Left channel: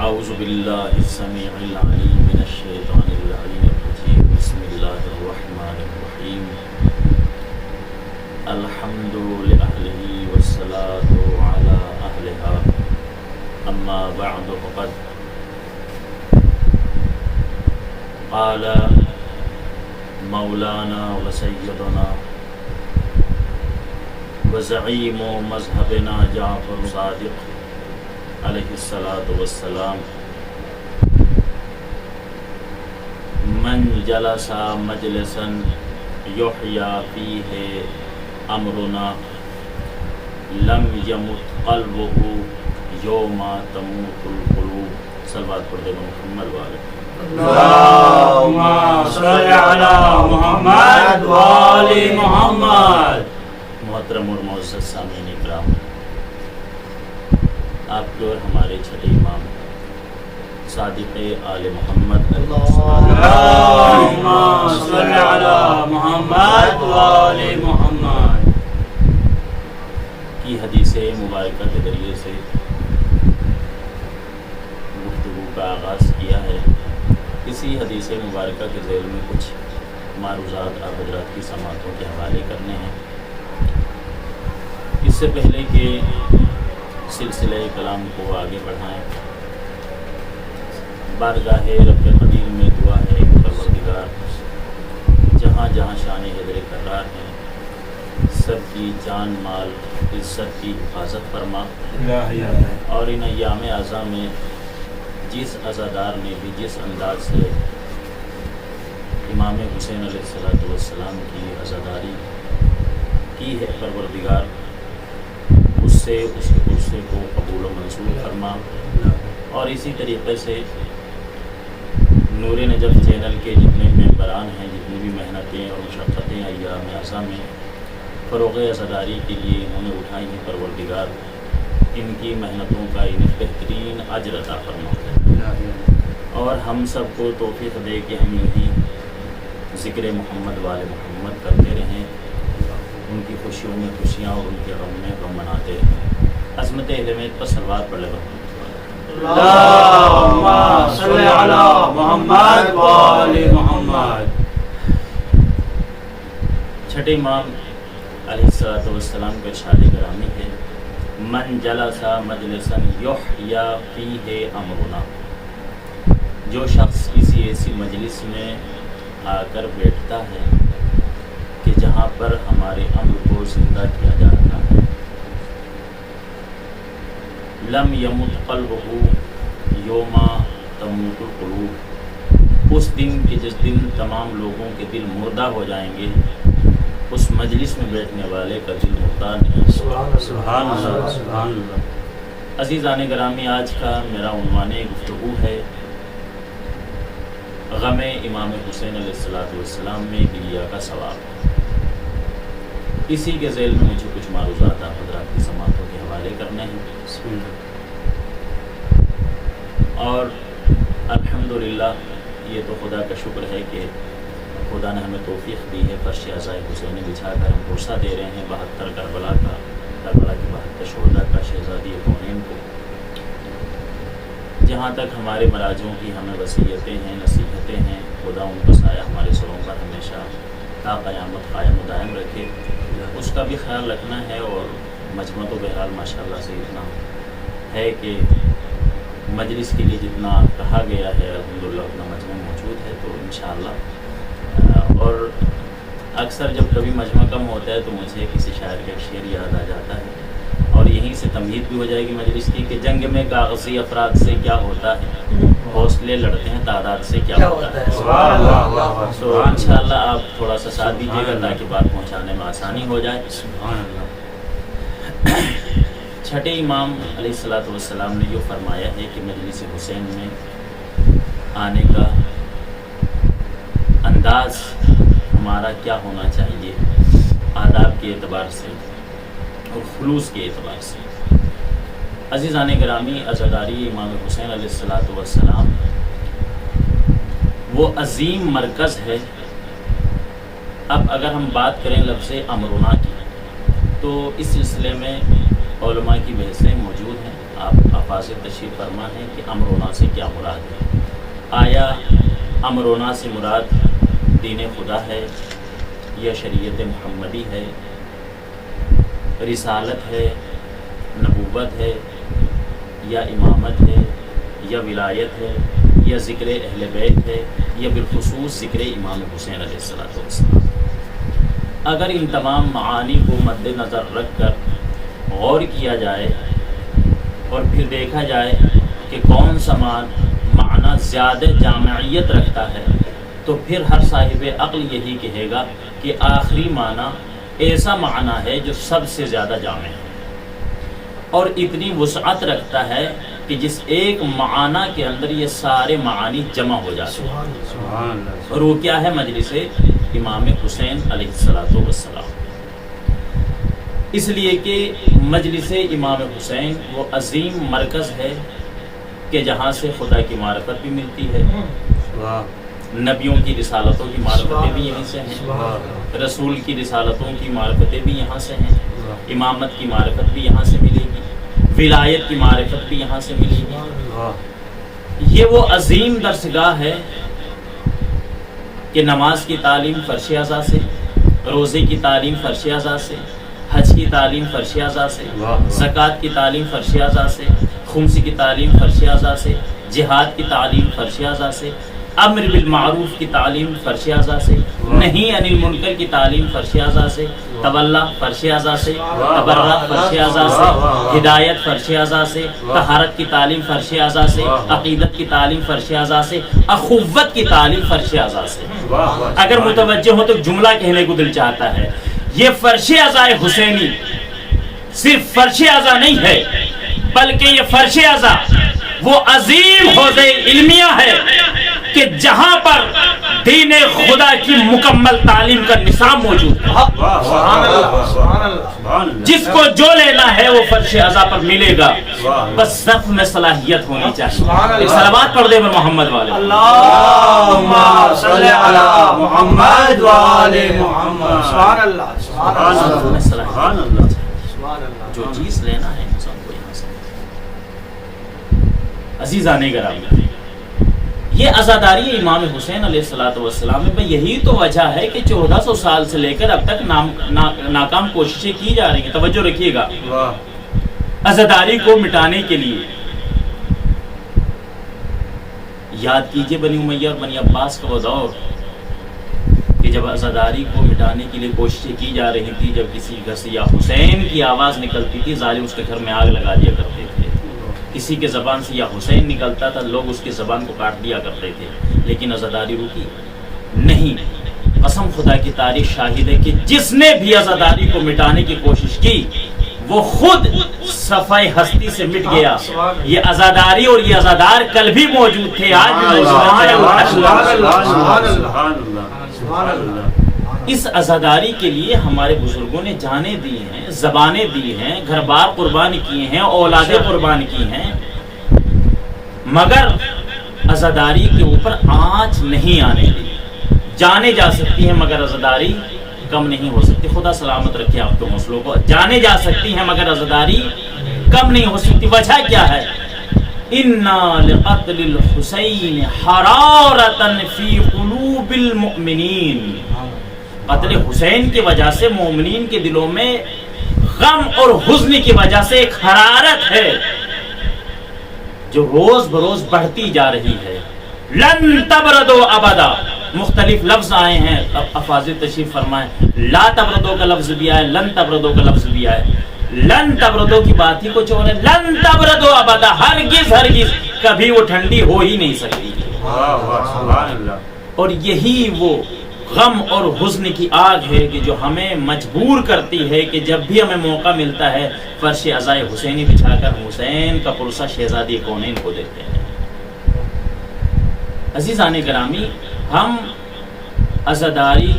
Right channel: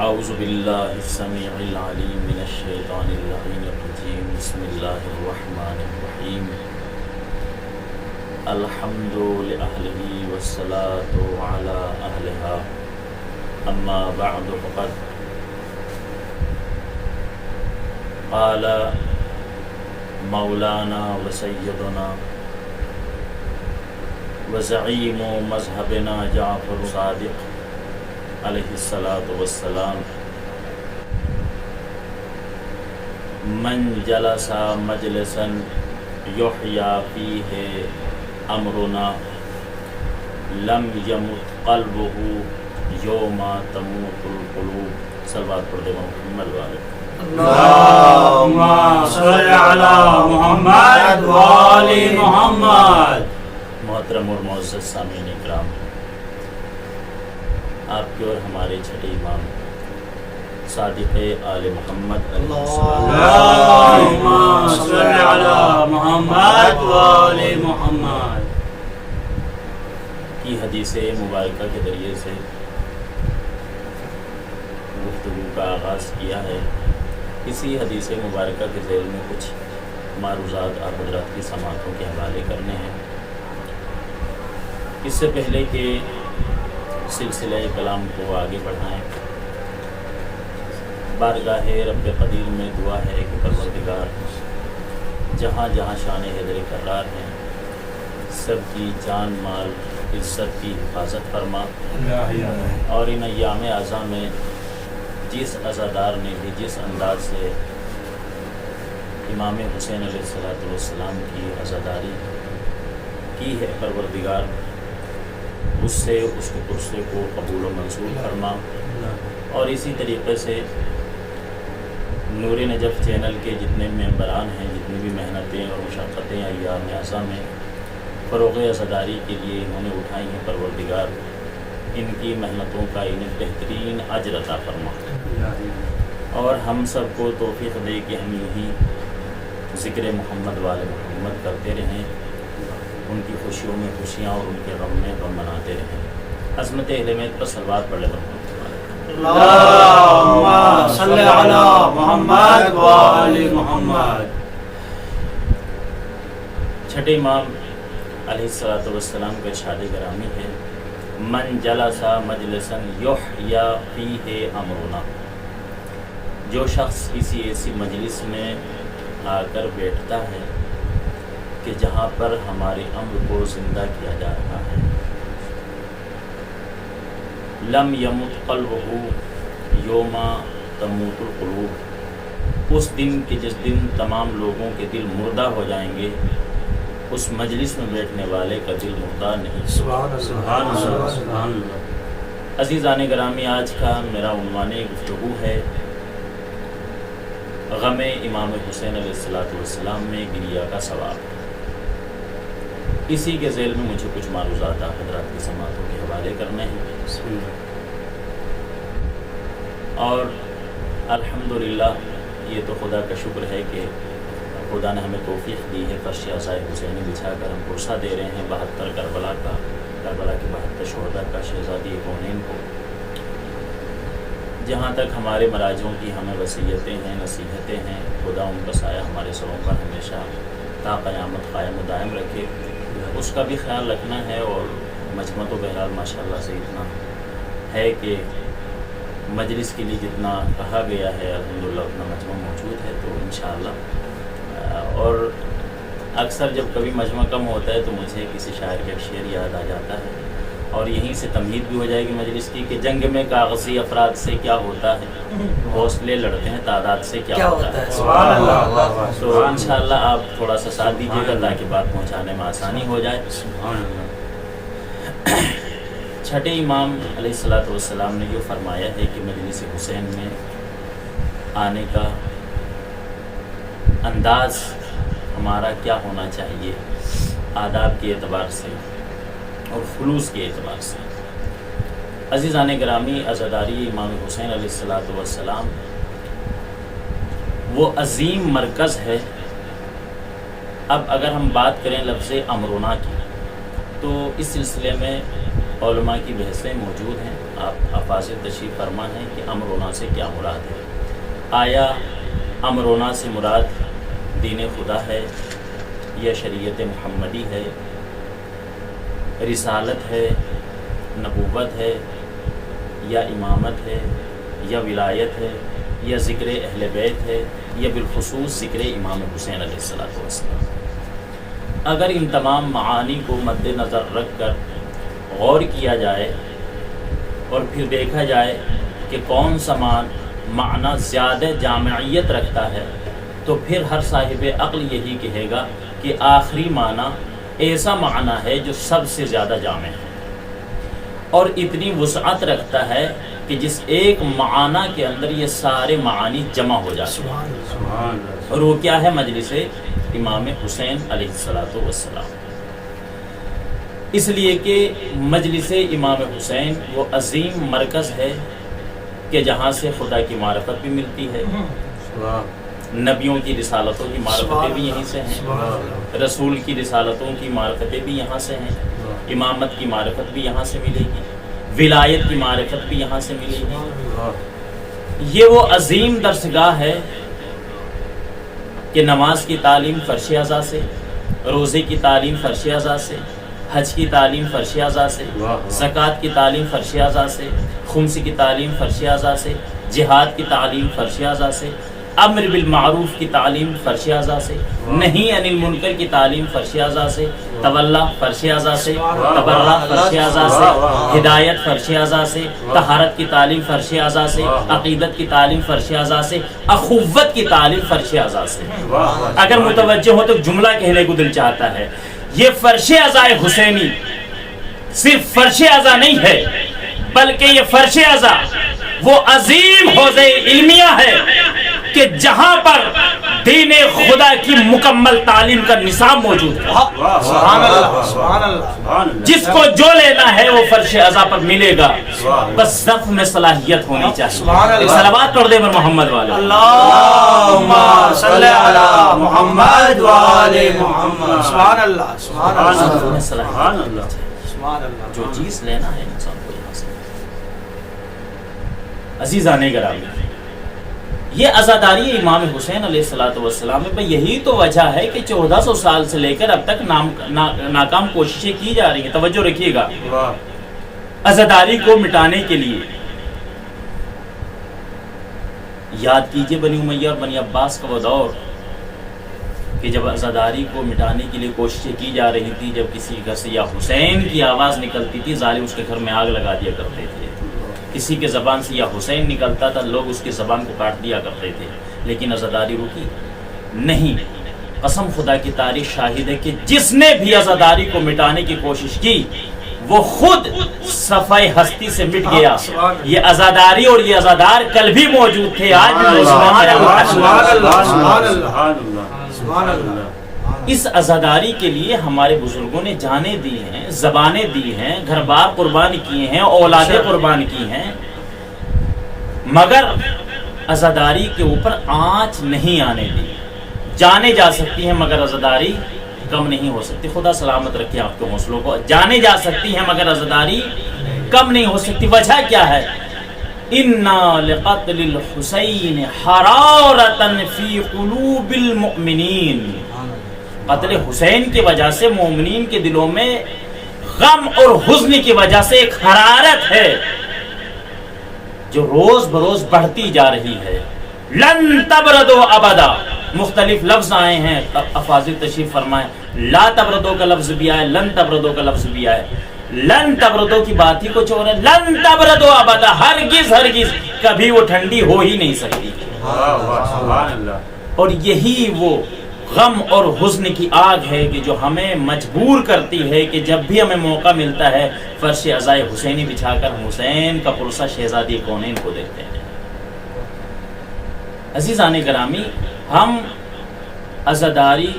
اعوذ باللہ السمیع العلیم من الشیطان اللعین الرجیم بسم اللہ الرحمن الرحیم الحمد لأہلہ والصلاة علی اہلہا اما بعد فقد قال مولانا وسیدنا وزعیم مذہبنا جعفر صادق علیہ الصلاۃ والسلام من جلس مجلسا یحیی فیہ امرنا لم یمت قلبہ یوم تموت القلوب. صلوات پڑھ دے محمد والے. اللہم صلی علی محمد وآل محمد. محترم اور معزز سامعین اکرام، آپ کے اور ہمارے چھٹے امام صادق آل محمد علیہ السلام اللہم صلی علی محمد وآل محمد کی حدیث مبارکہ کے ذریعے سے گفتگو کا آغاز کیا ہے. اسی حدیث مبارکہ کے ذیل میں کچھ معروضات آپ حضرات کی سماعتوں کے حوالے کرنے ہیں. اس سے پہلے کہ سلسلہ کلام کو آگے بڑھائیں، بارگاہ رب قدیر میں دعا ہے کہ پروردگار جہاں جہاں شان حیدر کرار ہیں سب کی جان مال عزت کی حفاظت فرما، اور ان ایام اعظم میں جس عزادار نے بھی جس انداز سے امام حسین علیہ السلام کی عزاداری کی ہے، پروردگار اس سے اس کے عرصے کو قبول و منظور فرما. اور اسی طریقے سے نور نجف چینل کے جتنے ممبران ہیں، جتنی بھی محنتیں اور مشقتیں ایام اعظم میں فروغ عزاداری کے لیے انہوں نے اٹھائی ہیں، پروردگار ان کی محنتوں کا انہیں بہترین اجر عطا فرما، اور ہم سب کو توفیق دے کہ ہم یوں ہی ذکر محمد والے محمد کرتے رہیں، ان کی خوشیوں میں خوشیاں اور ان کے غم میں غم مناتے رہیں. عظمت اہل بیت پر صلوات پڑھ لے محمد. اللہم صلی علی محمد وآل محمد. چھٹے امام علیہ السلام کا ارشاد گرامی ہے، من جلس مجلسا یحیی فیہ امرنا. جو شخص کسی ایسی مجلس میں آ کر بیٹھتا ہے کہ جہاں پر ہمارے امر کو زندہ کیا جا رہا ہے، لم یمت قلبہ یوم تموت القلوب. اس دن کہ جس دن تمام لوگوں کے دل مردہ ہو جائیں گے، اس مجلس میں بیٹھنے والے کا دل مردہ نہیں. سبحان اللہ سبحان اللہ. عزیزان گرامی، آج کا میرا عنوان گفتگو ہے غم امام حسین علیہ السلام میں گریہ کا ثواب. اسی کے ذیل میں مجھے کچھ معروضات آپ حضرات کی سماعتوں کے حوالے کرنے ہیں. بسم اللہ. اور الحمدللہ یہ تو خدا کا شکر ہے کہ خدا نے ہمیں توفیق دی ہے، فرش عزائے حسین بچھا کر ہم پرسہ دے رہے ہیں 72 کربلا کی 72 شہداء کا، شہزادی کونین کو. جہاں تک ہمارے مراجعوں کی ہمیں وصیتیں ہیں، نصیحتیں ہیں، خدا ان کا سایہ ہمارے سروں پر ہمیشہ تا قیامت قائم و دائم رکھے، اس کا بھی خیال رکھنا ہے. اور مجمع تو بہرحال ماشاءاللہ سے اتنا ہے کہ مجلس کے لیے جتنا کہا گیا ہے الحمدللہ اتنا مجمع موجود ہے. تو انشاءاللہ اور اکثر جب کبھی مجمع کم ہوتا ہے تو مجھے کسی شاعر کا ایک شعر یاد آ جاتا ہے، اور یہیں سے تمہید بھی ہو جائے گی مجلس کی کہ جنگ میں کاغذی افراد سے کیا ہوتا ہے، حوصلے لڑتے ہیں تعداد سے کیا ہوتا ہے. تو انشاءاللہ آپ تھوڑا سا ساتھ دیجیے گا تاکہ بات پہنچانے میں آسانی ہو جائے. چھٹے امام علیہ السلام نے یہ فرمایا ہے کہ مجلس حسین میں آنے کا انداز ہمارا کیا ہونا چاہیے آداب کے اعتبار سے اور خلوص کے اعتبار سے. عزیزان گرامی، عزاداری امام حسین علیہ السلام وہ عظیم مرکز ہے. اب اگر ہم بات کریں لفظ امرنا کی تو اس سلسلے میں علماء کی بحثیں موجود ہیں. آپ افاضل تشریف فرما ہیں کہ امرونا سے کیا مراد ہے؟ آیا امرونا سے مراد دین خدا ہے یا شریعت محمدی ہے، رسالت ہے، نبوت ہے، یا امامت ہے، یا ولایت ہے، یا ذکر اہل بیت ہے، یا بالخصوص ذکر امام حسین علیہ السلام؟ اگر ان تمام معانی کو مد نظر رکھ کر غور کیا جائے اور پھر دیکھا جائے کہ کون سا معنی زیادہ جامعیت رکھتا ہے، تو پھر ہر صاحب عقل یہی کہے گا کہ آخری معنی ایسا معنی ہے جو سب سے زیادہ جامع ہے اور اتنی وسعت رکھتا ہے کہ جس ایک معنی کے اندر یہ سارے معانی جمع ہو جاتے ہیں، اور وہ کیا ہے؟ مجلس امام حسین علیہ السلام۔ اس لیے کہ مجلس امام حسین وہ عظیم مرکز ہے کہ جہاں سے خدا کی معرفت بھی ملتی ہے، نبیوں کی رسالتوں کی معرفتیں بھی یہیں سے ہیں، رسول کی رسالتوں کی معرفتیں بھی یہاں سے ہیں، امامت کی معرفت بھی یہاں سے ملے گی، ولایت کی معرفت بھی یہاں سے ملے گی۔ یہ وہ عظیم درسگاہ ہے کہ نماز کی تعلیم فرش اعضاء سے، روزے کی تعلیم فرش اعضاء سے، حج کی تعلیم فرش اعضاء سے، زکوٰۃ کی تعلیم فرش اعضاء سے، خمس کی تعلیم فرش اعضاء سے، جہاد کی تعلیم فرش اعضاء سے، امر بالمعروف کی تعلیم فرش اعضاء سے، نہیں عن المنکر کی تعلیم فرش اعضاء سے، تولا فرش اعضاء سے، تبرع فرش اعضاء سے، ہدایت فرش اعضاء سے، طہارت کی تعلیم فرش اعضاء سے، عقیدت کی تعلیم فرش اعضاء سے، اخوت کی تعلیم فرش اعضاء سے۔ اگر متوجہ ہو تو جملہ کہنے کو دل چاہتا ہے، یہ فرش اعضاء حسینی صرف فرش اعضاء نہیں ہے، بلکہ یہ فرش اعضاء وہ عظیم حوضہ علمیہ ہے کہ جہاں پر دین خدا کی مکمل تعلیم کا نصاب موجود ہے۔ جس کو جو لینا ہے وہ فرش اعضاء پر ملے گا، بس ضبط میں صلاحیت ہونی چاہیے۔ ایک صلوات پڑھ دے پر محمد والے، اللہم صلی علی محمد و آل محمد۔ سبحان اللہ، سبحان اللہ، ضبط میں صلاحیت ہونی چاہیے۔ جو چیز لینا ہے انسان کو یہاں سے۔ عزیزان گرامی، یہ عزاداری امام حسین علیہ السلام میں یہی تو وجہ ہے کہ 1400 سال سے لے کر اب تک ناکام کوششیں کی جا رہی ہیں۔ توجہ رکھیے گا، عزاداری کو مٹانے کے لیے یاد کیجئے بنی امیہ اور بنی عباس کا وہ دور کہ جب عزاداری کو مٹانے کے لیے کوششیں کی جا رہی تھی، جب کسی گھر سے یا حسین کی آواز نکلتی تھی، ظالم اس کے گھر میں آگ لگا دیا کرتے تھے۔ کسی کے زبان سے یا حسین نکلتا تھا، لوگ اس کی زبان کو کاٹ دیا کرتے تھے، لیکن عزاداری رکی نہیں۔ قسم خدا کی تاریخ شاہد ہے کہ جس نے بھی عزاداری کو مٹانے کی کوشش کی وہ خود صفحہ ہستی سے مٹ گیا۔ یہ عزاداری اور یہ عزادار کل بھی موجود تھے، آج بھی موجود ہیں۔ اس عزاداری کے لیے ہمارے بزرگوں نے جانیں دی ہیں، زبانیں دی ہیں، گھر بار قربان کیے ہیں، اولادیں قربان کی ہیں، مگر عزاداری کے اوپر آنچ نہیں آنے دی۔ جانے جا سکتی ہیں مگر عزاداری کم نہیں ہو سکتی۔ خدا سلامت رکھے آپ کے حوصلوں کو۔ جانے جا سکتی ہیں مگر عزاداری کم نہیں ہو سکتی۔ وجہ کیا ہے؟ اِنَّا لِقَتْلِ الْحُسَيْنِ حَرَارَةً فِي قُلُوبِ الْمُؤْمِنِينَ۔ قتل حسین کی وجہ سے مومنین کے دلوں میں غم اور حزن کی وجہ سے ایک حرارت ہے جو روز بروز بڑھتی جا رہی ہے۔ لن تبردو ابدا، مختلف لفظ آئے ہیں، افاضل تشریف فرمائیں۔ لا تبردو کا لفظ بھی آئے، لن تبردو کا لفظ بھی آئے۔ لن تبردو کی بات ہی کچھ اور ہے، لن تبردو ابدا، ہرگز ہرگز کبھی وہ ٹھنڈی ہو ہی نہیں سکتی۔ اور یہی وہ غم اور حزن کی آگ ہے کہ جو ہمیں مجبور کرتی ہے کہ جب بھی ہمیں موقع ملتا ہے فرش عزائے حسینی بچھا کر حسین کا پرسہ شہزادی کونین کو دیکھتے ہیں۔ عزیزان گرامی، ہم عزاداری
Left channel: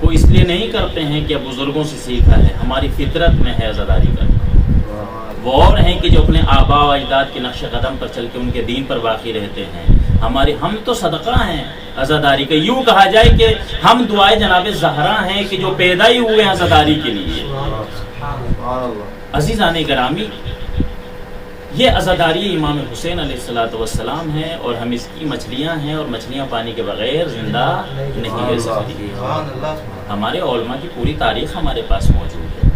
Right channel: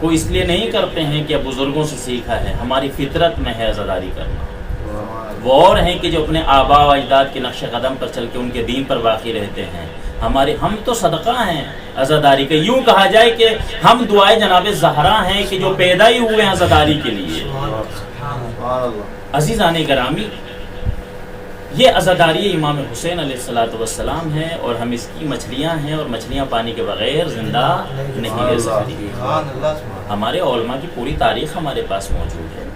کو اس لیے نہیں کرتے ہیں کہ بزرگوں سے سیکھا ہے، ہماری فطرت میں ہے عزاداری کرنا۔ وہ اور ہیں کہ جو اپنے آباء و اجداد کے نقش قدم پر چل کے ان کے دین پر باقی رہتے ہیں۔ ہم تو صدقہ ہیں عزاداری کا۔ یوں کہا جائے کہ ہم دعائے جناب زہرا ہیں کہ جو پیدا ہی ہوئے ہیں عزاداری کے لیے۔ عزیزان گرامی، یہ عزاداری امام حسین علیہ الصلوۃ والسلام ہے، اور ہم اس کی مچھلیاں ہیں، اور مچھلیاں پانی کے بغیر زندہ نہیں رہ سکتی۔ ہمارے علماء کی پوری تاریخ ہمارے پاس موجود ہے،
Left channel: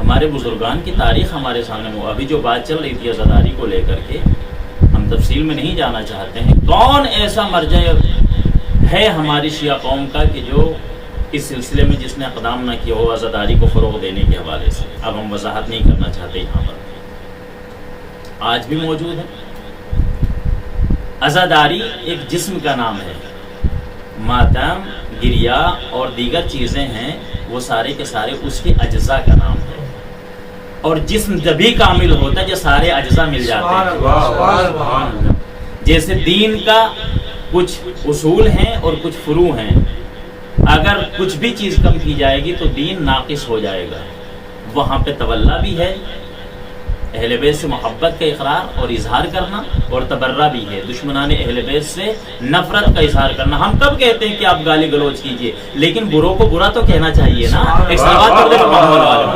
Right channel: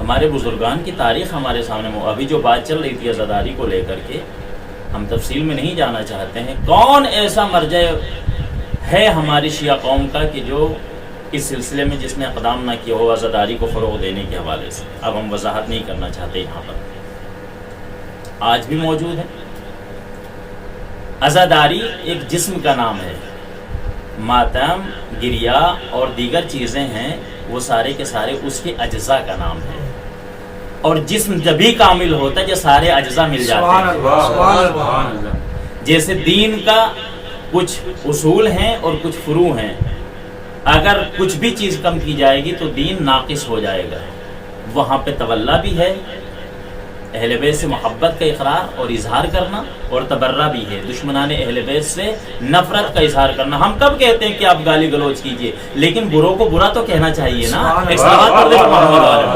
ہمارے بزرگان کی تاریخ ہمارے سامنے ابھی جو بات چل رہی تھی عزاداری کو لے کر کے، ہم تفصیل میں نہیں جانا چاہتے ہیں۔ کون ایسا مرجع ہے ہماری شیعہ قوم کا کہ جو اس سلسلے میں جس نے اقدام نہ کیا ہو عزاداری کو فروغ دینے کے حوالے سے؟ اب ہم وضاحت نہیں کرنا چاہتے یہاں پر، آج بھی موجود ہے۔ عزاداری ایک جسم کا نام ہے، ماتم، گریا اور دیگر چیزیں ہیں، وہ سارے کے سارے اس کے اجزاء کا نام ہے، اور جسم جبھی کامل ہوتا ہے جب سارے اجزاء مل جاتے ہیں۔ جیسے دین کا کچھ اصول ہیں اور کچھ فروع ہیں، اگر کچھ بھی چیز کم کی جائے گی تو دین ناقص ہو جائے گا۔ وہاں پہ تولا بھی ہے، اہل بیت سے محبت کا اقرار اور اظہار کرنا، اور تبرہ بھی ہے، دشمنان اہل بیت سے نفرت کا اظہار کرنا۔ ہم کب کہتے ہیں کہ آپ گالی گلوچ کیجئے، لیکن بروں کو برا تو کہنا چاہیے نا۔ ایک صلوات پڑھ دے محمد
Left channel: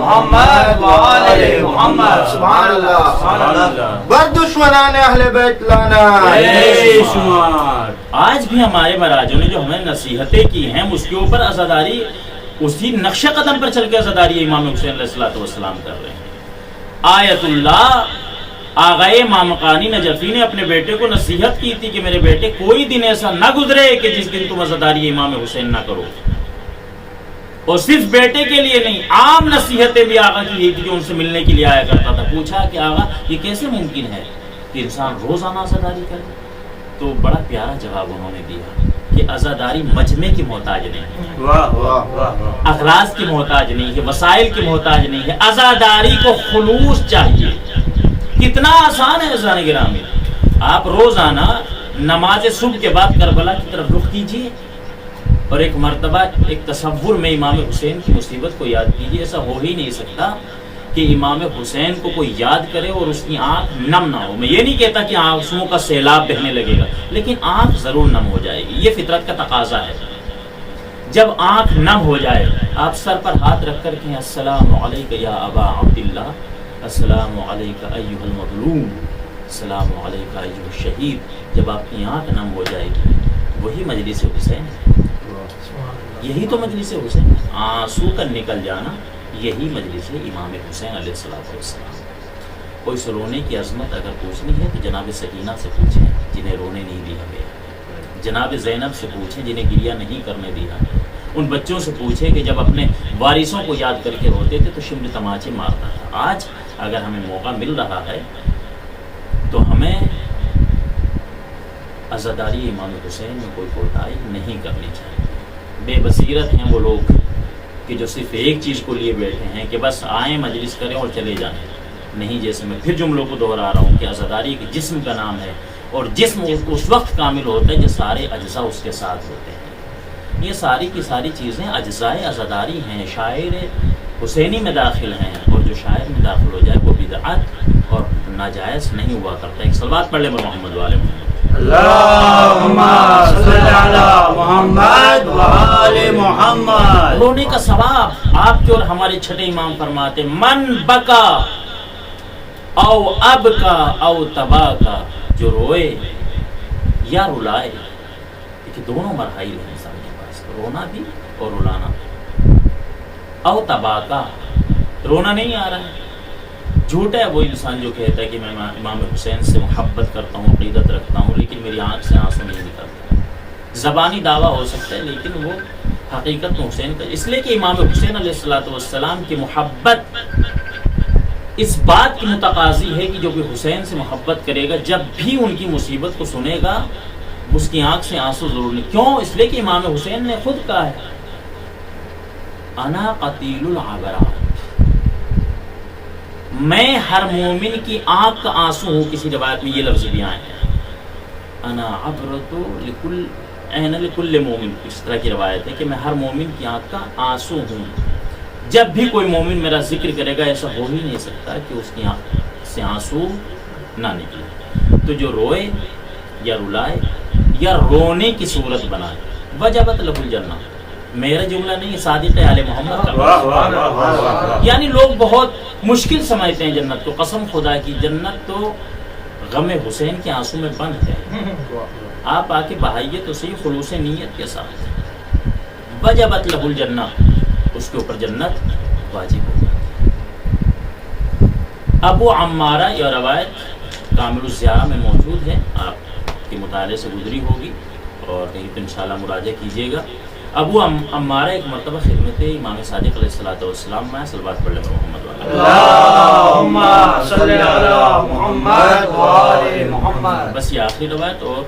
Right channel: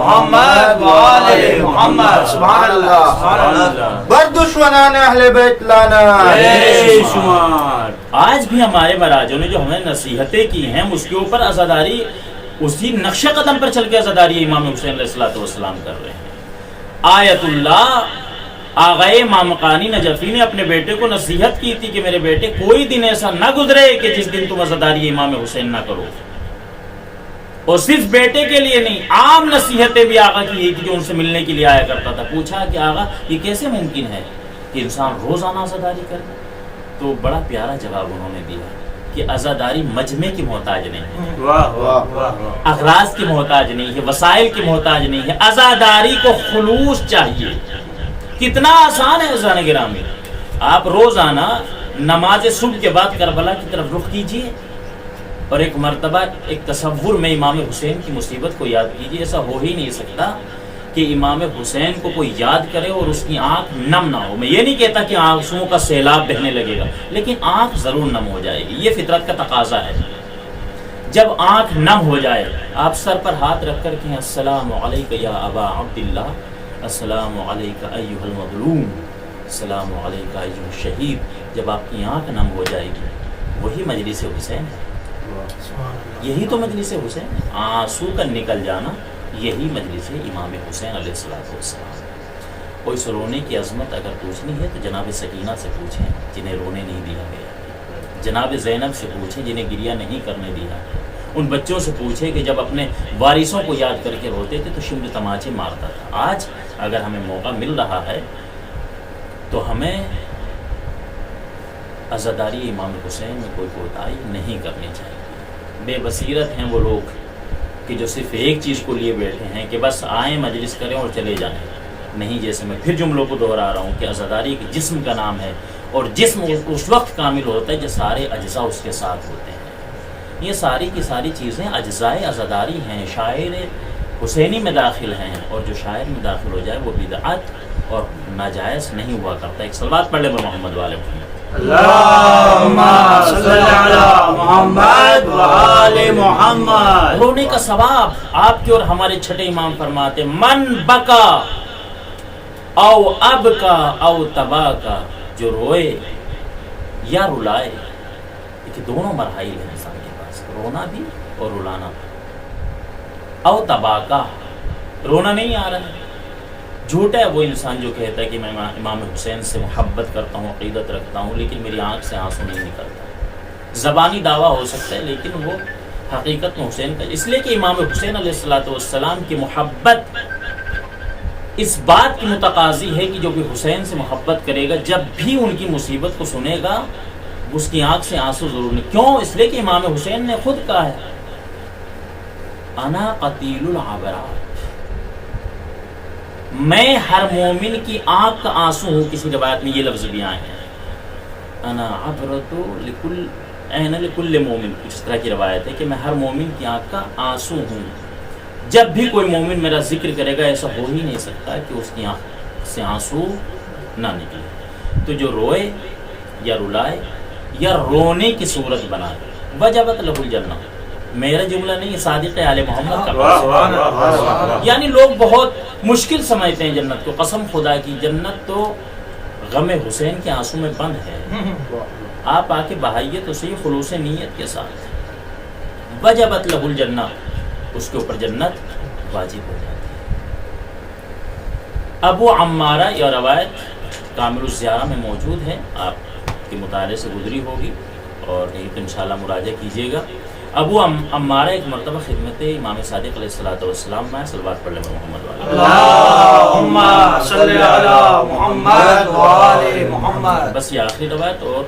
محمد وآل محمد۔ سبحان اللہ، بر دشمنان اہل بیت لانا بے شمار۔ آج بھی ہمارے مراجعوں نے جو ہمیں نصیحتیں کی ہیں، اس کے اوپر عزاداری اسی نقش قدم پر چل کے عزاداری امام حسین علیہ الصلوۃ والسلام کر رہے ہیں۔ آیت اللہ آغائے مامقانی نجفی نے اپنے بیٹے کو نصیحت کی تھی کہ میرے بیٹے کوئی دن ایسا نہ گزرے کہ جس دن تم عزاداری امام حسین نہ کرو، اور صرف بیٹے کے لیے نہیں، عام نصیحتیں بھی آقا کی یہی تھی جو ان سے ملنے کے لیے آیا کرتا تھا۔ پوچھا کہ آقا یہ کیسے ممکن ہے کہ انسان روزانہ عزاداری کرے؟ تو بڑا پیارا جواب انہوں نے دیا کہ عزاداری مجمع کی محتاج نہیں ہے، اغراض کی محتاج نہیں ہے، وسائل کی محتاج نہیں ہے۔ عزاداری کو خلوص چاہیے۔ کتنا آسان ہے عزیزان گرامی، آپ روزانہ نماز صبح کے بعد کربلا کی طرف رخ کیجئے، اور ایک مرتبہ ایک تصور میں امام حسین کی مصیبت کو یاد کیجئے۔ ایسا ہو ہی نہیں سکتا کہ امام حسین کو کوئی یاد کرے اور اس کی آنکھ نم نہ ہو۔ میں یہ نہیں کہتا کہ آنسوؤں کا سیلاب بہنے لگے گا، لیکن آنکھ ضرور نم ہو جائے گی، یہ فطرت کا تقاضا ہے۔ جب آنکھ نم ہو جائے، آپ سر پر ہاتھ رکھ کر کہیں السلام علیک یا ابا عبداللہ، السلام علیک ایھا المظلوم، السلام علیک ایھا الشہید۔ جب آپ کی آنکھ نم ہو جائے گی، وہی مجلس حسین ہے، یہی تو مجلس حسین ہے۔ آنسو کا نکل جانا یہی مجلس امام حسین علیہ السلام۔ کوئی رونے کی عظمت اگر پوچھنی ہے تو جناب سکینہ سے پوچھیں جنہیں رونے نہیں دیا گیا، جناب زینب سے پوچھیں جنہیں گریہ نہیں کرنے دیا ہے، ان بچوں سے پوچھیں کہ جب اپنے وارثوں کو یاد کر کے روتے تھے تو شمر تماچے مارتا تھا۔ آج اگر ہمیں موقع مل رہا ہے تو ہمیں عزاداری امام حسین میں کوئی کوتاہی نہیں کرنی چاہیے۔ بے بصیرت ہیں وہ لوگ کہ جو صرف ایک چیز کو لیے بیٹھے ہیں کہ بس آئیں مجلس کریں اور چلے جائیں۔ نہیں، جیسے میں پھر جملوں کو دہرا رہا ہوں کہ عزاداری ایک جسم کا نام ہے، اور جسم اس وقت کامل ہوتا ہے جب سارے اجزاء اس کے ساتھ ہوتے ہیں۔ یہ ساری کی ساری چیزیں اجزاء عزاداری ہیں، شاعر حسینی میں داخل ہیں، اور جو شاعر میں داخل ہو جائے وہ بدعت اور ناجائز نہیں ہوا کرتا۔ ایک صلوات پڑھ لیں محمد والے محمد۔ اللہم صل علی محمد وآل محمد۔ رونے کا ثواب آپ کے اور ہمارے چھٹے امام فرماتے من بکا او اب کا او تبا کا، جو روئے یا رلائے۔ دیکھیں دونوں مراحل ہیں انسان کے پاس، رونا بھی اور رلانا۔ او تبا کا، رونا نہیں آ رہا ہے، جھوٹا ہے وہ انسان جو کہتا ہے کہ میں امام حسین سے محبت کرتا ہوں، عقیدت رکھتا ہوں، لیکن میری آنکھ سے آنسو نہیں نکلتا۔ زبانی دعویٰ ہو سکتا ہے لیکن وہ حقیقت میں حسین کا، اس لیے کہ امام حسین علیہ الصلوۃ والسلام کی محبت اس بات کی متقاضی ہے کہ جو بھی حسین سے محبت کرے گا جب بھی ان کی مصیبت کو سنے گا اس کی آنکھ سے آنسو ضرور نہیں۔ کیوں؟ اس لیے کہ امام حسین نے خود کہا ہے انا قتیل العبرات، میں ہر مومن کی آنکھ کا آنسو ہوں۔ کسی روایت میں یہ لفظ بھی آئے ہیں انا عبرت لکل عین لکل مومن، اس طرح کی روایت ہے کہ میں ہر مومن کی آنکھ کا آنسو ہوں۔ جب بھی کوئی مومن میرا ذکر کرے گا ایسا ہو ہی نہیں سکتا کہ اس کی آنکھ سے آنسو نہ نکلے۔ تو جو روئے یا رلائے یا رونے کی صورت بنائے وجبت لہ الجنہ، میرا جملہ نہیں، صادق آل محمد کا واہ واہ واہ واہ واہ۔ یعنی لوگ بہت مشکل سمجھتے ہیں جنت کو، قسم خدا کی جنت تو غم حسین کے آنسو میں بند ہے، آپ آ کے بہائیے تو صحیح خلوص نیت کے ساتھ، وجبت لہ الجنہ، اس کے اوپر جنت واجب ہو جاتی ہے۔ ابو عمارہ یہ روایت کامل الزیارہ میں موجود ہے، آپ کے مطالعے سے گزری ہوگی اور کہیں تو انشاءاللہ مراجعہ کیجیے گا۔ ابو عمارہ ایک مرتبہ خدمت امام صادق علیہ السلام میں صلوات پڑھ لیں محمد والے اللہم صلی علی محمد وآل محمد۔ بس یہ آخری روایت اور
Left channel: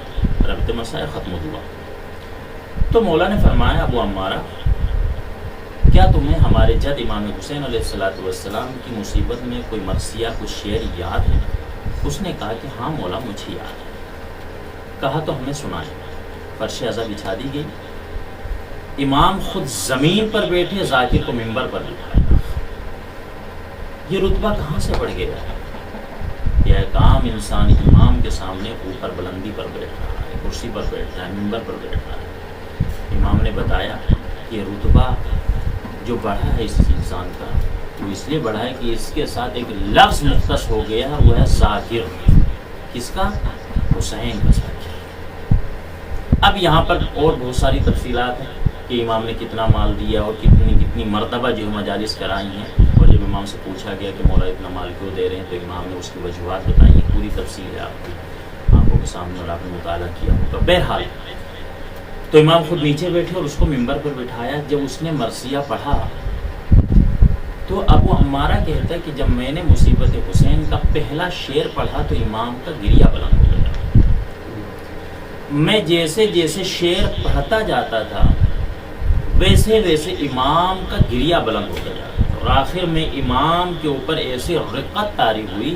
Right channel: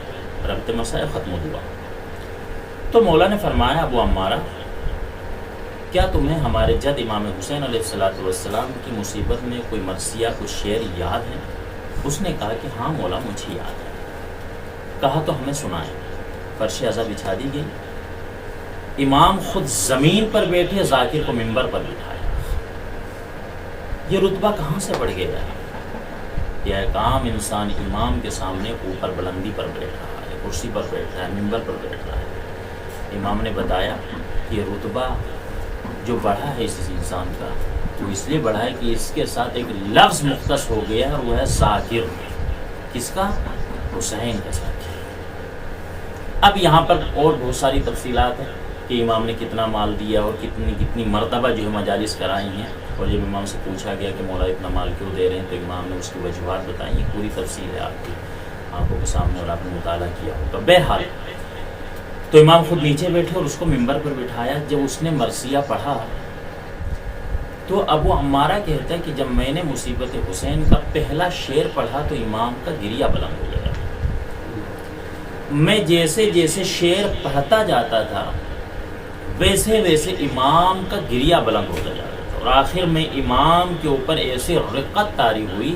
ربط مسائل ختم ہوا۔ تو مولا نے فرمایا ابو عمارہ کیا تمہیں ہمارے جد امام حسین علیہ السلام کی مصیبت میں کوئی مرثیہ کوئی شعر یاد ہے؟ اس نے کہا کہ ہاں مولا مجھے یاد ہے۔ کہا تو ہمیں سنائیں۔ فرش ازا بچھا دی گئی، امام خود زمین پر بیٹھے، ذاکر کو منبر پر بٹھایا۔ یہ رتبہ کہاں سے بڑھ گیا ہے؟ یہ ایک عام انسان امام کے سامنے اوپر بلندی پر بیٹھ رہا ہے، کرسی پر بیٹھ رہا ہے، منبر پر بیٹھ رہا ہے۔ امام نے بتایا کہ یہ رتبہ جو بڑھا ہے اس انسان کا وہ اس لیے بڑھا ہے کہ اس کے ساتھ ایک لفظ مختص ہو گیا ہے اور وہ ہے ذاکر۔ کس کا؟ حسین کا ذاکر۔ اب یہاں پر اور بہت ساری تفصیلات ہیں کہ امام نے کتنا مال دیا اور کتنی مرتبہ جو ہے مجالس کرائی ہیں، اور جب امام سے پوچھا گیا کہ مولا اتنا مال کیوں دے رہے ہیں تو امام نے اس کی وجوہات بتائی ہیں۔ پوری تفصیل ہے آپ کی آنکھوں کے سامنے اور آپ نے مطالعہ کیا ہوگا۔ بہرحال تو امام خود نیچے بیٹھے اور اس کو منبر پر بٹھایا۔ جب اس نے مرثیہ پڑھا تو ابو عمارہ کہتا ہے کہ جب میں نے مصیبت حسین کا پہلا شعر پڑھا تو امام کا گریہ بلند ہو گیا۔ میں جیسے جیسے شعر پڑھتا جاتا تھا ویسے ویسے امام کا گریہ بلند ہوتا جاتا تھا، اور آخر میں امام کے اوپر ایسے رقت طاری ہوئی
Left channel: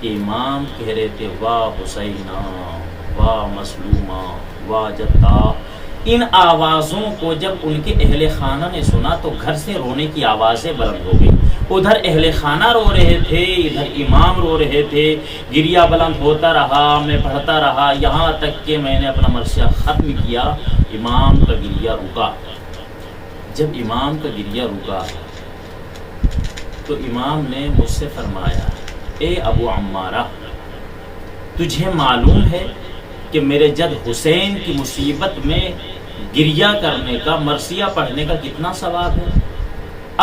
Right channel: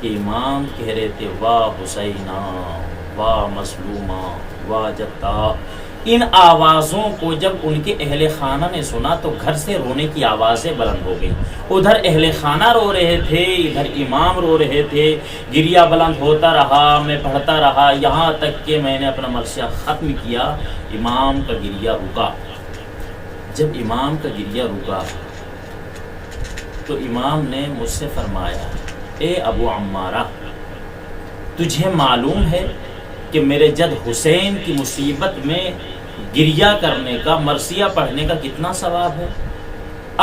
کہ امام کہہ رہے تھے واہ حسینہ واہ مظلومہ واہ جدہ۔ ان آوازوں کو جب ان کے اہل خانہ نے سنا تو گھر سے رونے کی آوازیں بلند ہو گئی۔ ادھر اہل خانہ رو رہے تھے، ادھر امام رو رہے تھے، گریہ بلند ہوتا رہا، میں پڑھتا رہا، یہاں تک کہ میں نے اپنا مرثیہ ختم کیا، امام کا گریہ رکا۔ جب امام کا گریہ رکا تو امام نے مجھ سے فرمایا اے ابو عمارہ تجھے معلوم ہے کہ میرے جد حسین کی مصیبت میں گریہ کرنے کا، مرثیہ پڑھنے کا کتنا ثواب ہے؟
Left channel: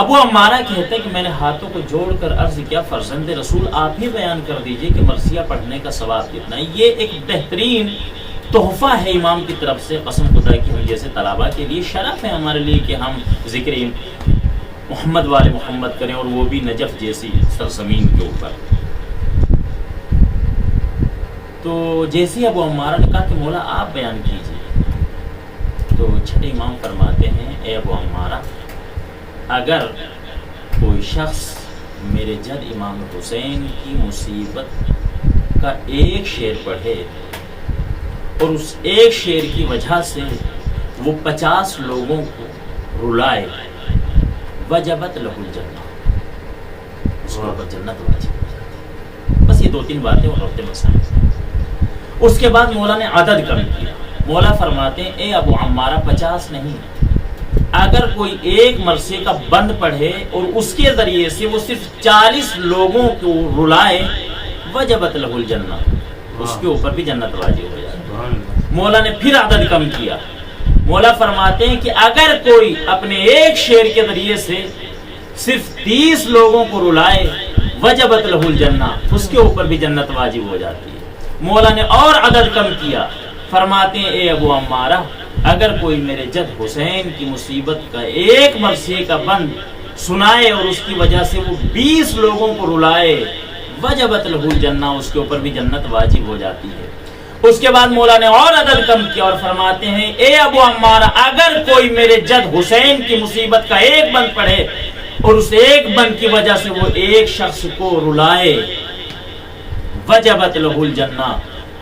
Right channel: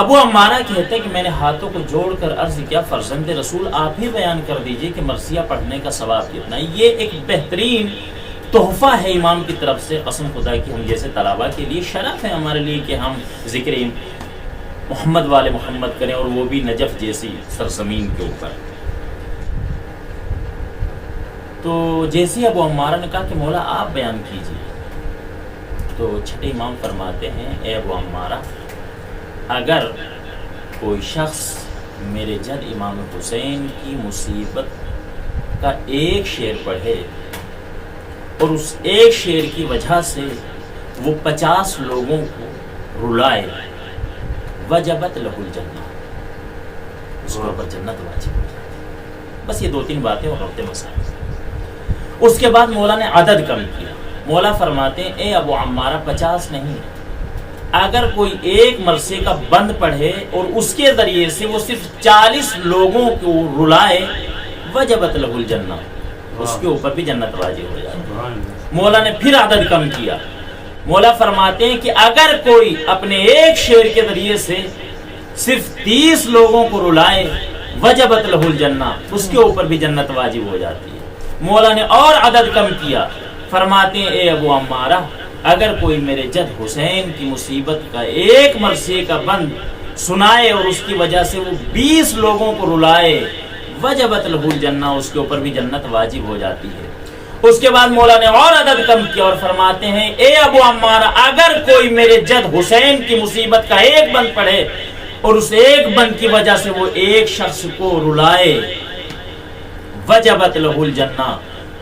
ابو عمارہ کہتے ہیں کہ میں نے ہاتھوں کو جوڑ کر عرض کیا فرزند رسول آپ ہی بیان کر دیجئے کہ مرثیہ پڑھنے کا ثواب کتنا ہے۔ یہ ایک بہترین تحفہ ہے امام کی طرف سے، قسم خدا کی ہم جیسے طلباء کے لیے شرف ہے ہمارے لیے کہ ہم ذکر محمد والے محمد کریں، اور وہ بھی نجف جیسی سرزمین کے اوپر۔ تو جیسے ابو عمارہ نے کہا کہ مولا آپ بیان کیجیے، تو چھٹے امام فرماتے ہیں اے ابو عمارہ اگر کوئی شخص میرے جد امام حسین کی مصیبت کا ایک شعر پڑھے اور اس ایک شعر کی وجہ سے وہ 50 لوگوں کو رلائے، وجبت لہ الجنہ، اس کے اوپر جنت واجب ہو جاتی ہے۔ بس یہ 2-3 باتیں اور ربط مسائل۔ اس کے بعد مولا نے عدد کم کیا۔ مولا فرماتے ہیں اے ابو عمارہ 50 نہیں، اگر کوئی ایک مرثیے کا بند پڑھے اور اس کے ذریعے سے وہ صرف 40 لوگوں کو رلائے، وجبت لہ الجنہ، اس کے اوپر بھی جنت واجب ہو جاتی ہے۔ مولا نے پھر عدد کم کیا۔ مولا فرماتے ہیں کہ اگر کوئی اپنے ایک شعر کے ذریعے سے صرف 30 لوگوں کو رلائے، وجبت لہ الجنہ، اس کے اوپر بھی جنت واجب ہو جاتی ہے۔ مولا نے اور عدد کم کیا، فرماتے ہیں اے ابو عمارہ اگر کوئی میرے جد حسین کی مصیبت کا ایک مرثیے کا بند سنائے اور اس کی وجہ سے وہ 20 لوگوں کو رلائے، وجبت لہ الجنہ، اس کے اوپر بھی جنت واجب ہو جاتی ہے۔ اس کے بعد مولا نے اور عدد کم کیا اور فرماتے ہیں اے ابو عمارہ اگر کوئی میرے جد حسین کی مصیبت کا ایک بند پڑھے اور اس ایک بند کی وجہ سے وہ ایک شخص کو رلائے، وجبت لہ الجنہ،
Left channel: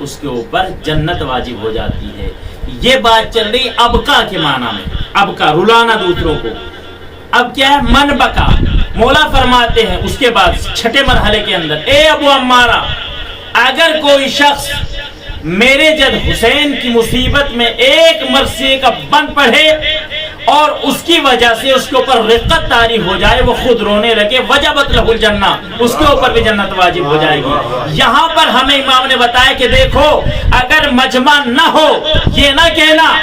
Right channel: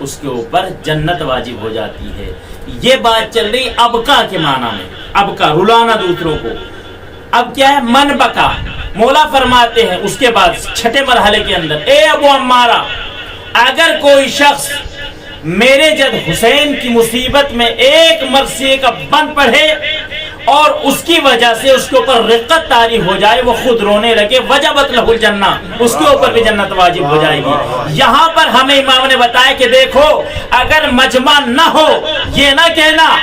اس کے اوپر جنت واجب ہو جاتی ہے۔ یہ بات چل رہی ابکا کے معنی میں، ابکا رلانا دوسروں کو۔ اب کیا ہے؟ من بکا۔ مولا فرماتے ہیں اس کے بعد چھٹے مرحلے کے اندر اے ابو عمارہ اگر کوئی شخص میرے جد حسین کی مصیبت میں ایک مرثیے کا بند پڑھے اور اس کی وجہ سے اس کے اوپر رقت طاری ہو جائے، وہ خود رونے لگے، وجبت لہ الجنہ، اس کے اوپر بھی جنت واجب ہو جائے گی۔ یہاں پر ہمیں امام نے بتایا کہ دیکھو اگر مجمع نہ ہو، یہ نہ کہنا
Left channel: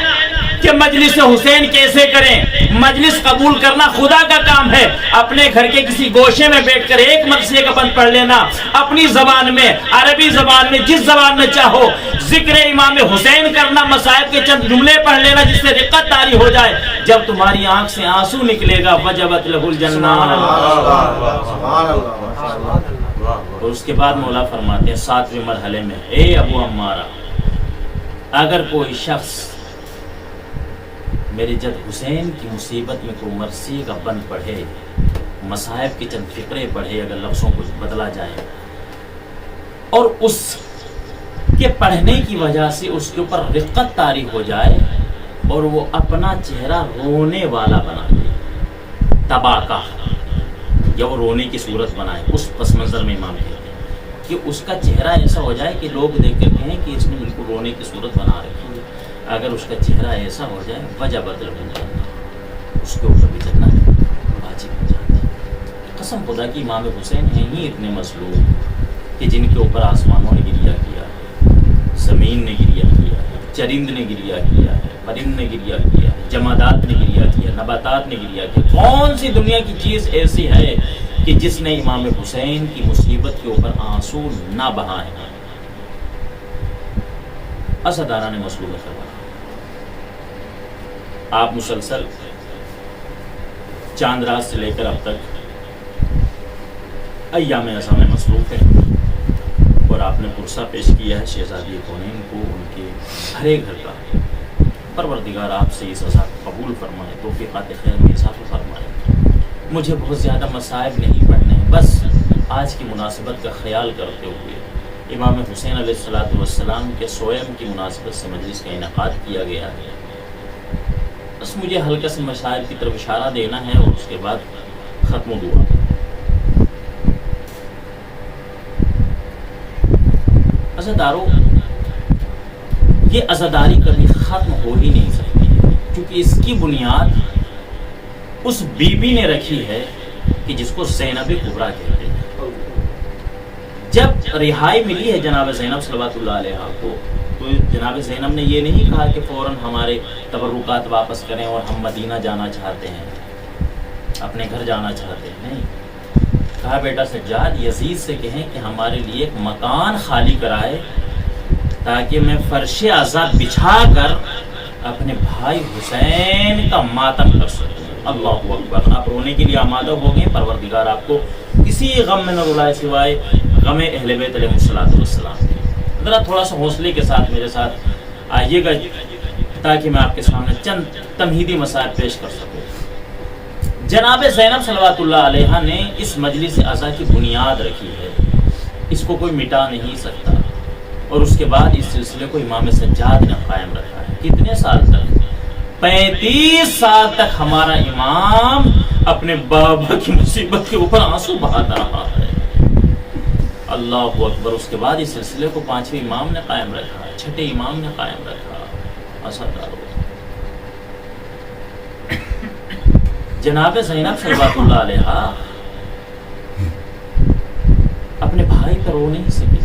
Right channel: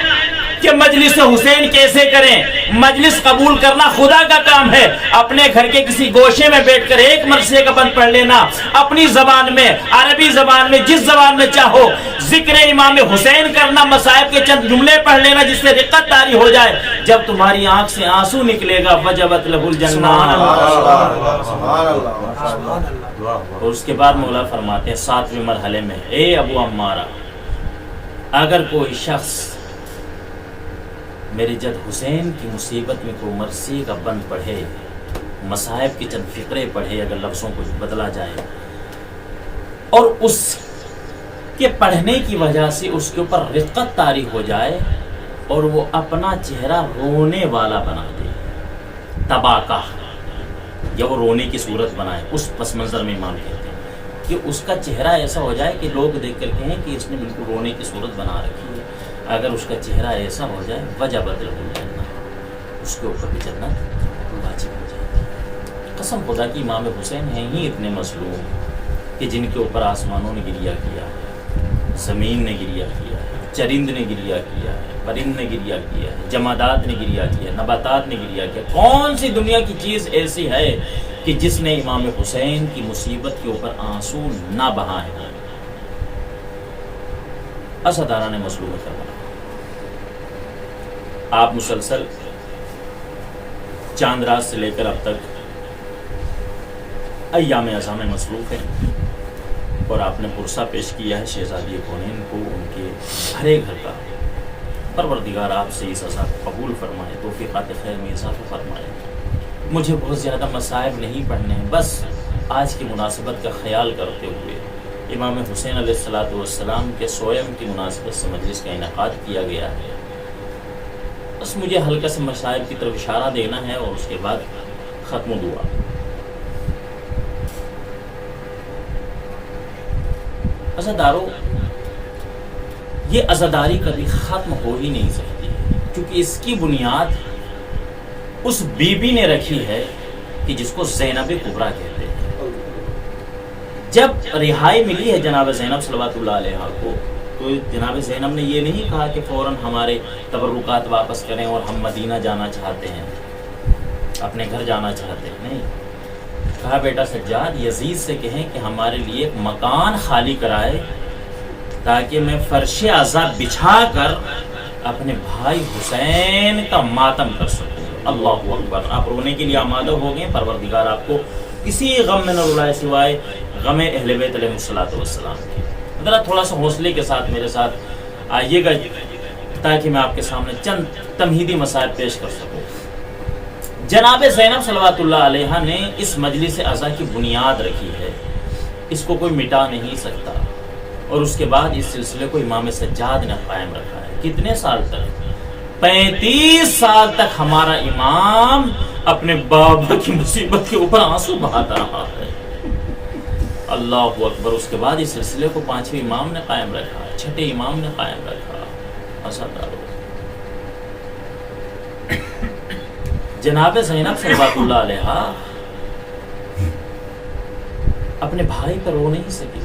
کہ مجلس حسین کیسے کریں، مجلس قبول کرنا خدا کا کام ہے۔ اپنے گھر کے کسی گوشے میں بیٹھ کر ایک مرثیے کا بند پڑھ لینا، اپنی زبان میں، عربی زبان میں، جس زبان میں چاہو ذکر امام حسین کرنا، مصائب کے چند جملے پڑھ لینا جس سے رقت طاری ہو جائے، جب تمہاری آنکھ سے آنسو نکلے گا وجبت لہ الجنہ۔ اور اس کے بعد مولا فرماتے ہیں 7ویں مرحلے میں، اے ابو عمارہ، اگر کوئی شخص میرے جد حسین کی مصیبت میں کوئی مرثیے کا بند پڑھے، مصائب کی چند فقرے پڑھے، اگر لفظوں کو بدلا جائے، اور اس کے پڑھنے کی وجہ سے اس کے اوپر رقت طاری ہو جائے اور وہ اپنا چہرہ رونے والا بنا دے، تباکہ، یا وہ رونے کی صورت بنائے، اس پس منظر میں امام کہتے ہیں کہ اس کا چہرہ ایسا ہو جائے کہ لوگ دیکھ کر کہیں کہ اس نے بالکل رونے کی صورت بنا رکھی ہے۔ اگر اس کا چہرہ ایسا ہو جائے وجبت لہ الجنہ، اس کے اوپر بھی جنت واجب ہو جاتی ہے۔ قسم خدا کی امام حسین ہیں ہی اتنے مظلوم کہ جن کے اوپر آسمانوں نے گریہ کیا ہے، زمین نے گریہ کیا ہے، چرند نے گریہ کیا ہے، پرند نے گریہ کیا ہے، جمادات نے گریہ کیا ہے، نباتات نے گریہ کیا۔ کون سی دنیا کی چیز ایسی ہے کہ جس نے امام حسین کی مصیبت کے اوپر آنسو نہ بہائے ہیں؟ اسدارہ نے مظلوم کربلا، آپ مسلسل چاند رات سے لے کر اب تک ایام عزا میں مصروف ہیں، اور آپ نے پرسہ پیش کیا ہے شہزادی کونین کو ان کے بھرے گھر کا۔ پروردگار آپ سے اس عزا کو قبول فرمائے، توفیقات خیر میں اضافہ فرمائے۔ مجھے بہت زیادہ مصائب نہیں پڑھنے ہیں، بس آج کی مناسبت کا خیال کرتے ہوئے امام حسین علیہ السلام کے سوئم کی مناسبت سے مجلس کا انعقاد کیا گیا ہے۔ بس مجھے ہلکا سے مصائب کی طرف اشارہ دینا ہے اور اس کے بعد ختم دعا۔ عزادارو، یہ عزاداری کبھی ختم ہو ہی نہیں سکتی ہے، کیونکہ اس کی بنیاد اس بی بی نے رکھی ہے کہ جس کو زینب کبریٰ کہتے ہیں۔ جب رہائی ملی ہے جناب زینب صلوات اللہ علیہ کو، تو جناب زینب نے یہ نہیں کہا کہ فوراً ہمارے تبرکات واپس کریں اور ہم مدینہ جانا چاہتے ہیں، اپنے گھر جانا چاہتے ہیں، نہیں کہا بیٹا سجاد یزید سے کہیں کہ ہمارے لیے ایک مکان خالی کرائے تاکہ میں فرش عزا بچھا کر اپنے بھائی حسین کا ماتم کر سکوں۔ اللہ اکبر، آپ رونے کے لیے آمادہ ہو گئے، پروردگار آپ کو کسی غم میں نہ رلائے سوائے غم اہل بیت علیہ السلام کے۔ ذرا تھوڑا سا حوصلے کے ساتھ میرے ساتھ آئیے گا تاکہ میں آپ کے سامنے چند تمہیدی مسائل پیش کر سکوں۔ جناب زینب صلوات اللہ علیہ نے اس مجلس عزا کی بنیاد رکھی ہے، اس کو کوئی مٹا نہیں سکتا، اور اس کے بعد اس سلسلے کو امام سجاد نے قائم رکھا ہے۔ کتنے سال تک؟ 35 سال تک ہمارا امام اپنے بابا کی مصیبت کے اوپر آنسو بہاتا رہا ہے۔ اللہ اکبر۔ اس کے بعد اس سلسلے کو 5ویں امام نے قائم رکھا، 6ٹھے امام نے قائم رکھا۔ اثردارو، جناب زینب صلوات اللہ علیہ اپنے بھائی پر رو نہیں سکی۔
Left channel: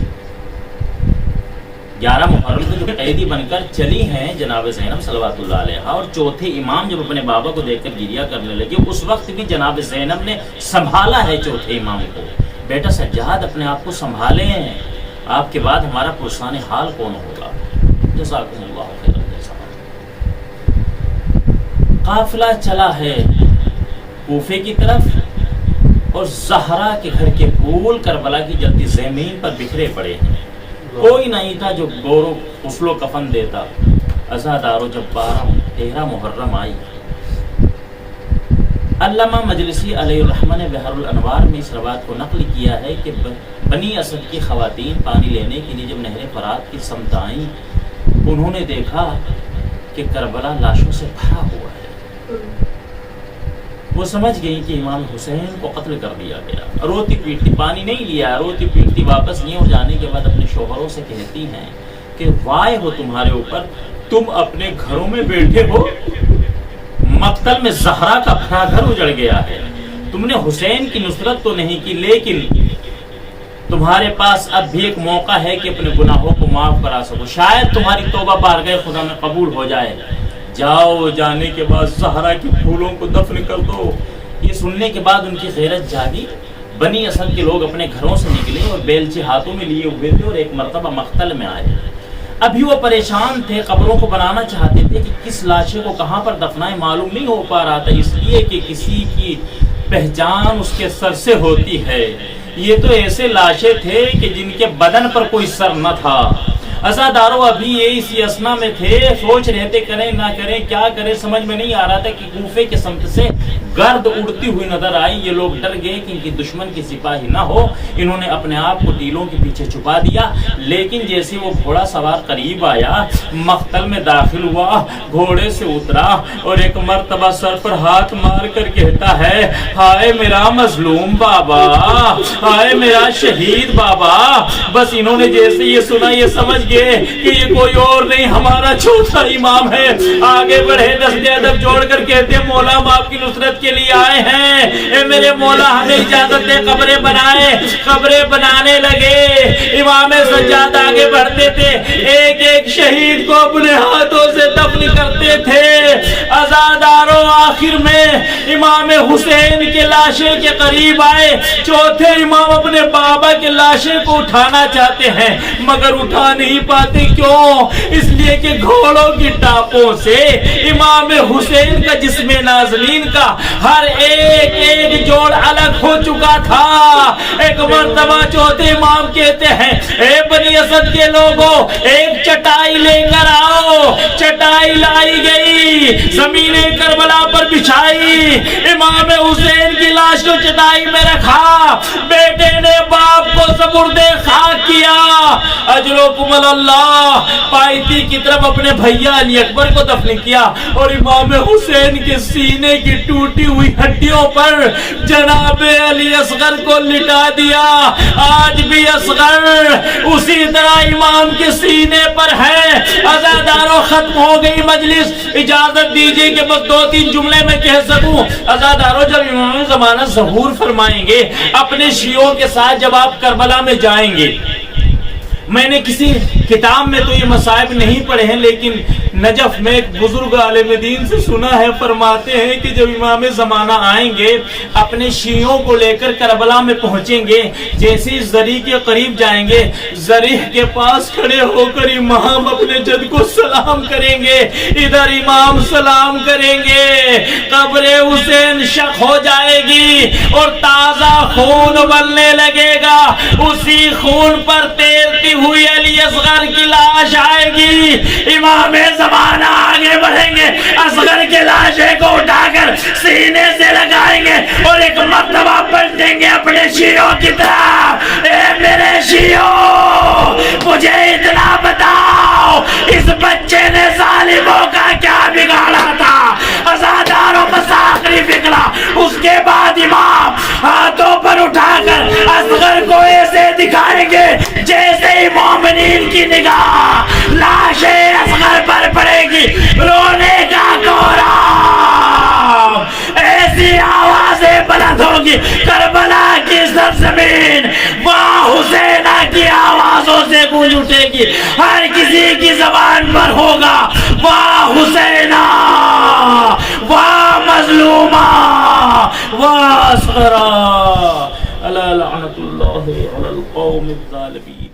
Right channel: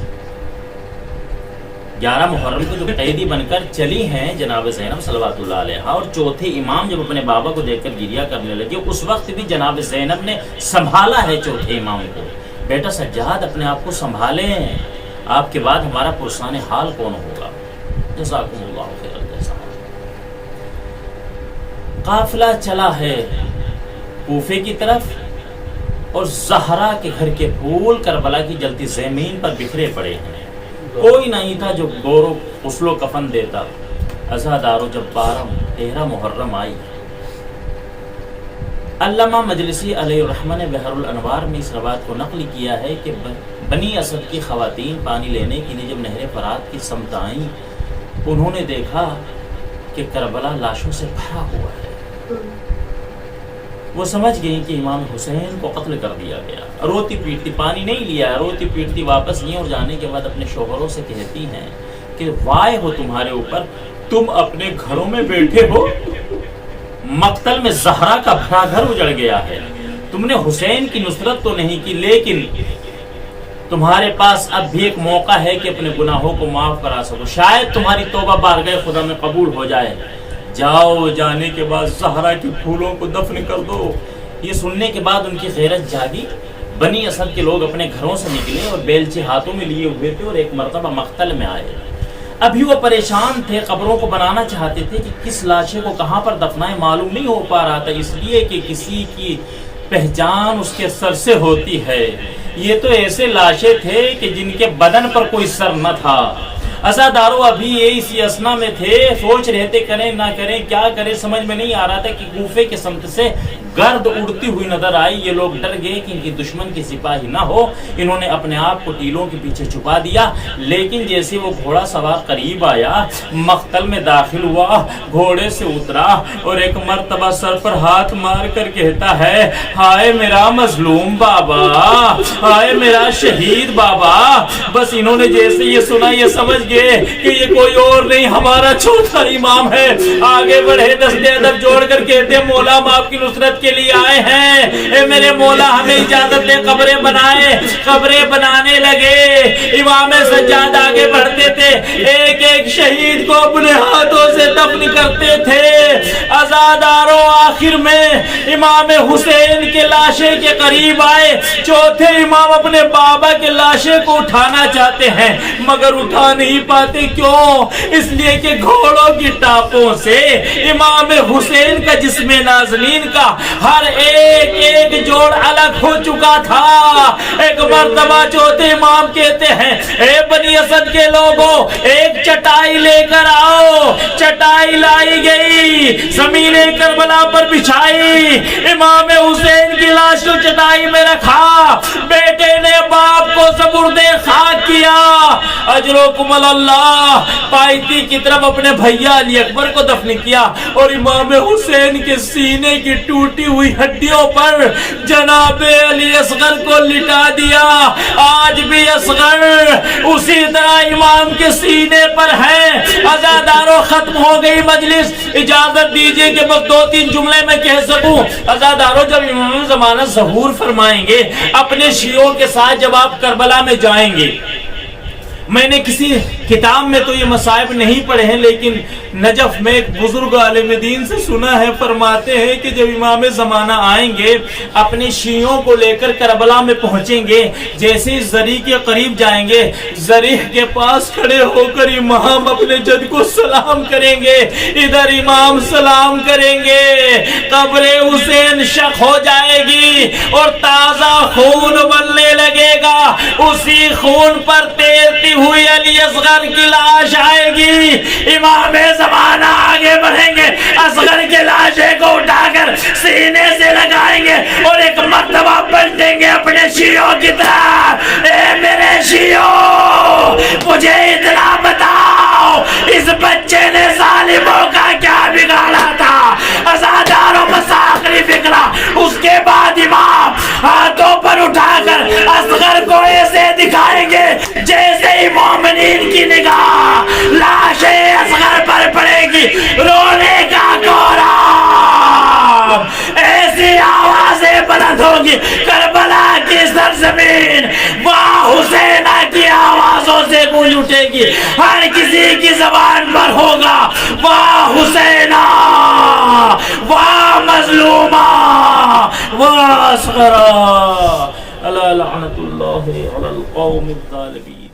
11 محرم کو جو قیدی بن کر چلی ہیں جناب زینب صلوات اللہ علیہ، اور 4تھے امام جب اپنے بابا کو دیکھ کر گریہ کرنے لگے، اس وقت بھی جناب زینب نے سنبھالا ہے 4تھے امام کو۔ بیٹا سجاد اپنے آپ کو سنبھالیں، آپ کے بعد ہمارا پرسان حال کون ہوگا؟ جزاکم اللہ خیر الجزا۔ قافلہ چلا ہے کوفے کی طرف، اور زہرا کے گھر کے پھول کربلا کی جلتی زمین پر بکھرے پڑے ہیں، کوئی نہیں تھا جو گور و غسل و کفن دیتا۔ عزادارو، جب 13 محرم آئی، علامہ مجلسی علیہ الرحمہ نے بحر الانوار میں اس روایت کو نقل کیا ہے کہ بنی اسد کی خواتین پانی لینے کے لیے جب نہر فرات کی سمت آئیں، انہوں نے دیکھا کہ کربلا لاشوں سے بھرا ہوا ہے۔ وہ سمجھ گئی کہ امام حسین کو قتل کر دیا گیا۔ روتی پیٹتی، پانی نہیں لیا، روتی پیٹتی واپس گئی، اور جانے کے بعد اپنے شوہروں سے کہتی ہیں کہ وائے ہو تمہارے اوپر، تم اپنے گھروں میں بیٹھے ہو، مقتل میں زہرا کا بھرا گھر اجڑ گیا ہے، تم نے حسین کی نصرت تو نہیں کی، لیکن تمہارے پاس اب بھی ایک موقع ہے کہ اپنے گناہوں کو معاف کرا سکو، شاید تمہاری توبہ بارگاہ خدا میں قبول ہو جائے، جاؤ، جانے کے بعد زہرا کے پھولوں کو دفن کر دو۔ یہ سننے کے بعد ان کی غیرت جاگی، بنی اسد کے لوگ اپنے گھروں سے نکلے اور بیلچے ہاتھوں میں لیے ہوئے تھے اور ایک مرتبہ مقتل میں آئے۔ ابھی وہ پریشان تھے، قبروں کو بنانا چاہتے تھے کہ کس لاشے کو کہاں پر دفنائیں، معلوم نہیں ہو پا رہا تھا، اس لیے کہ کسی کی پہچان اس کے سر سے ہوتی ہے۔ یہ تو ایسے لاشیں تھے کہ جن کے بدن پر کوئی سر نہ تھا۔ عزاداروں ابھی یہ اسی اسنا میں تھے، سوچ رہے تھے کریں نہ کریں، کیا کریں سمجھ میں نہیں آ رہا تھا کہ کوفے کے سمت سے گرد اڑتی ہوئی نظر آئی۔ یہ لوگ ڈر گئے کہ ان کی دشمن کی سپاہی نہ ہو، انہوں نے اپنے آپ کو ٹیلوں کے پیچھے چھپا دیا، لیکن جیسے وہ گھوڑا سوار قریب آیا، مقتل میں داخل ہوا، گھوڑے سے اترا اور ایک مرتبہ سر پر ہاتھ مار کر کہتا ہے، ہائے میرا مظلوم بابا، ہائے میرا شہید بابا۔ بس انہوں نے جیسے یہ سنا، یہ سمجھ گئے کہ یہ کوئی اور نہیں، ہمارا چوتھا امام ہے۔ آگے بڑھے، دستے ادب جوڑ کر کہتے ہیں، مولا ہم آپ کی نصرت کے لیے آئے ہیں، اے میرے مولا ہمیں اجازت دے، قبریں بنائیں۔ قبریں بنانے لگے، امام سجاد آگے بڑھتے تھے، ایک ایک شہید کو اپنے ہاتھوں سے دفن کرتے تھے۔ عزاداروں آخر میں امام حسین کے لاشے کے قریب آئے، چوتھے امام اپنے بابا کے لاشے کو اٹھانا چاہتے ہیں مگر اٹھا نہیں پاتے، کیوں؟ اس لیے کہ گھوڑوں کی ٹاپوں سے امام حسین کا جسم نازنین کا ہر ایک ایک جوڑ الگ ہو چکا تھا۔ ایک مرتبہ چوتھے امام کہتے ہیں، اے بنی اسد کے لوگوں، ایک چٹائی لے کر آؤ۔ چٹائی لائی گئی، زمین کربلا پر بچھائی، امام حسین کی لاش کو چٹائی میں رکھا، بیٹے نے باپ کو سپرد خاک کیا، اجرکم اللہ، پائتی کی طرف اپنے بھیا علی اکبر کو دفن کیا اور امام حسین کے سینے کی ٹوٹی ہوئی ہڈیوں پر جناب علی اصغر کو لٹا دیا۔ آج بھی اصغر اسی طرح امام کے سینے پر ہے۔ عزاداروں ختم ہو گئی مجلس، اجازت دیجئے کہ بس 2-3 جملے میں کہہ سکوں۔ عزاداروں جب امام زمانہ ظہور فرمائیں گے اپنے شیعوں کے ساتھ، جب آپ کربلا میں جائیں گے، میں نے کسی کتاب میں تو یہ مصائب نہیں پڑھے ہیں، لیکن نجف میں ایک بزرگ عالم دین سے سنا ہے، فرماتے ہیں کہ جب امام زمانہ آئیں گے اپنے شیعوں کو لے کر کربلا میں پہنچیں گے، جیسے زری کے قریب جائیں گے، زری کے پاس کھڑے ہو کر امام اپنے جد کو سلام کریں گے، ادھر امام سلام کریں گے، قبر حسین شق ہو جائے گی اور تازہ خون بلنے لگے گا، اسی خون پر تیرتی ہوئی علی اصغر کی لاش آئے گی۔ امام زمانہ آگے بڑھیں گے، اصغر کے لاشے کو اٹھا کر سینے سے لگائیں گے اور ایک مرتبہ پلٹیں گے اپنے شیعوں کی طرف، اے میرے شیعوں، مجھے اتنا بتاؤ اس بچے نے ظالموں کا کیا بگاڑا تھا؟ عزاداروں بس آخری فکرہ، اس کے بعد امام ہاتھوں پر اٹھا کر اصغر کو ایسے دکھائیں گے جیسے مومنین کی نگاہ لاش اصغر پر پڑے گی، رونے کا کوہرام، ایسی آوازیں بلند ہوگی کربلا کی سرزمین، وہاں حسینہ کی آوازوں سے گونج اٹھے گی، ہر کسی کی زبان پر ہوگا واہ حسینہ، واہ مظلومہ، واہ اصغرہ، الا لعنت اللہ علی القوم الظالمین۔